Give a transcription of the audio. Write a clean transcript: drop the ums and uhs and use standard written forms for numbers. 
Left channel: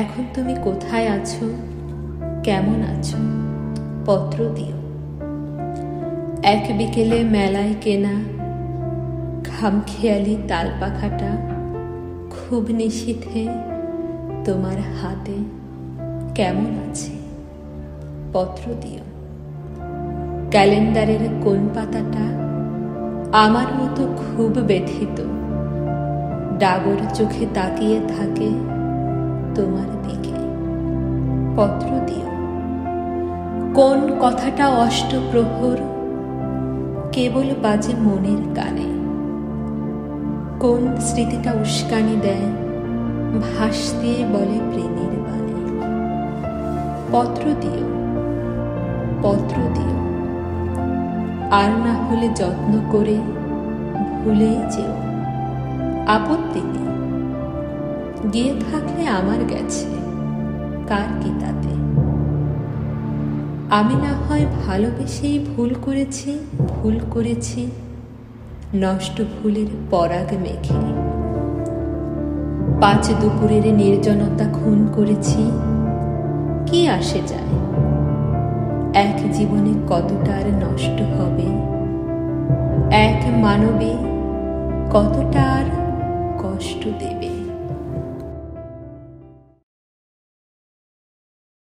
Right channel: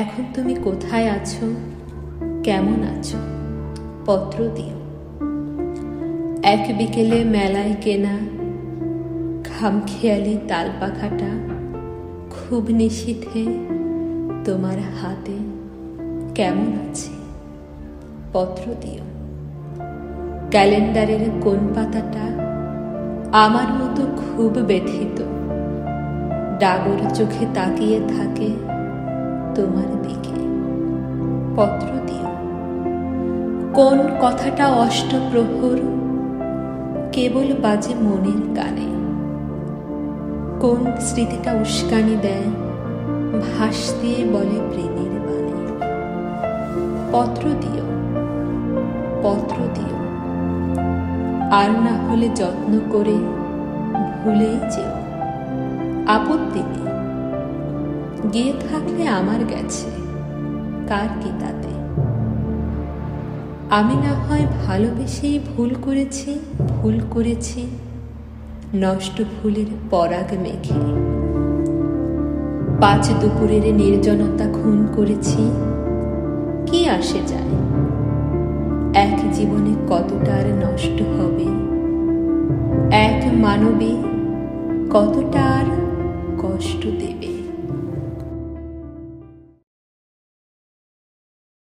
এখন তুমি কোথায় আছো, কেমন আছো? পত্র দিও। এক বিকেলে মেলায় কেনা খামখেয়ালি তালপাখাটা খুব নিশীথে তোমার হাতে কেমন আছে? পত্র দিও। ক্যালেন্ডারের কোন পাতাটা আমার মতো খুব ব্যথিত, ডাগর চোখে তাকিয়ে থাকে তোমার দিকে? পত্র দিও। কোন কথাটা অষ্টপ্রহর কেবল বাজে মনের কানে? কোন স্মৃতিটা উস্কানি দেয়, ভাস দিয়ে বলে প্রেমের বাণী? পত্র দিও, পত্র দিও। আর না হলে যত্ন করে ভুলেই যেও, আপত্তি নেই। গিয়ে থাকলে আমার গেছে, কার কি তাতে? আমি না হয় ভালোবেসেই ভুল করেছি নষ্ট ফুলের পরাগ মেখে। 5 দুপুরের নির্জনতা খুন করেছি, কি আসে যায়? এক জীবনে কতটা আর নষ্ট হবে, এক মানবে কতটা আর কষ্ট দেবে?